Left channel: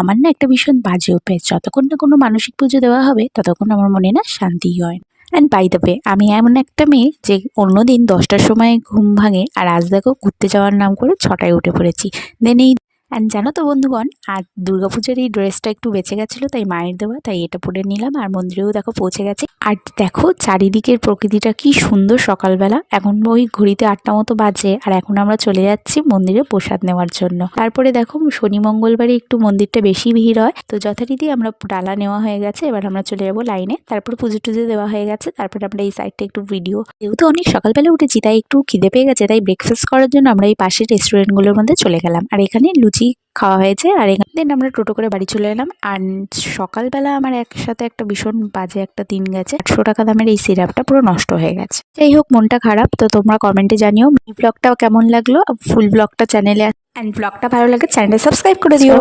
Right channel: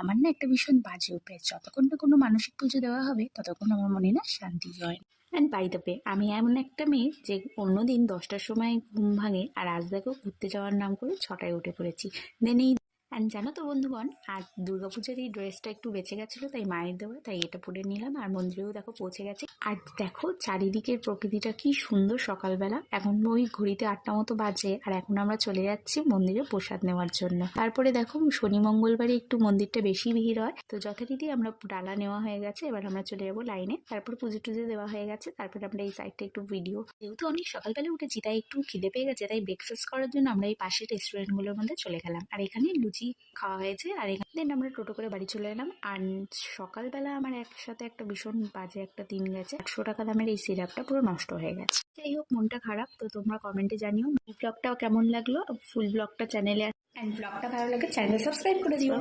আমার না একটা ভীষণ বাজে অভ্যেস, যতক্ষণ না কোনো মানসিক পুজো দেওয়া হবে ততক্ষণ আমার মনে না শান্তিই হয় না। অ্যান্ড বাই দ্য ওয়ে, আমি এমন একটা মেয়ে যে অন্যদিন 10টার সময় ঘুম ভাঙে, আর আজ দেখো ঘুরতে যাওয়ার নাম করে 6টায় উঠে পড়েছি। দেন এই অ্যান্ড জানো তো বন্ধুগণ, আর দুর্গাপুজোর এই ড্রেসটা একটু বেঁচে গেছিলো, তাই মায়ের দেওয়া, তাই এটা পরে নিলাম। আর মন্দিরেও দেখো পৌঁছে গেছে। আর দেখো চারিদিকের প্রকৃতিটা কি সুন্দর সকালবেলা। এখন ওই ঘড়িতে 8টা মতো বাজে, আর এখন আমরা চলে যাচ্ছি মন্দিরে প্রসাদ নেওয়ার জন্য। তারপরে দেখো শনি মঙ্গলবারে একটু মন্দিরটা বেশি ভিড় হয়, তো যথারীতি আমরা ডালা নেওয়া হয়ে গেছে। এবার আমরা চলে যাবো লাইনে। তারপরে পুজো টুজো দেওয়া হয়ে গেছে। তারপরে আমরা এই সাইডটা একটু ভিডিও, যেহেতু অনেক সকালবেলা উঠেছি তাই একটু খিদে পেয়ে গেছে, তাই ব্রেকফাস্ট করার জন্য আমরা এই পাশের রেস্টুরেন্টগুলোর মধ্যে চলে গেলাম। আর এখানে লুচি খাওয়া হয়েছে, আর এখানে দেন আমরা টোটো করে বাড়ি চলে এলাম। আর সকালবেলা আমার একসাথে একটা ভীষণ বাজে একটা দিন গেছে। 800 টাকা দামের এই সিরাপটা পুরো নষ্ট হয়ে গেছে। যাই হোক, মনটা খারাপ। তো তোমরা কমেন্টে জানিও এই ব্লগটা কেমন লাগলো। ফুল ব্লগটা চ্যানেলে, অ্যান্ড ব্লগটা ভালো লাগে চ্যানেলটা সাবস্ক্রাইব করে দিও।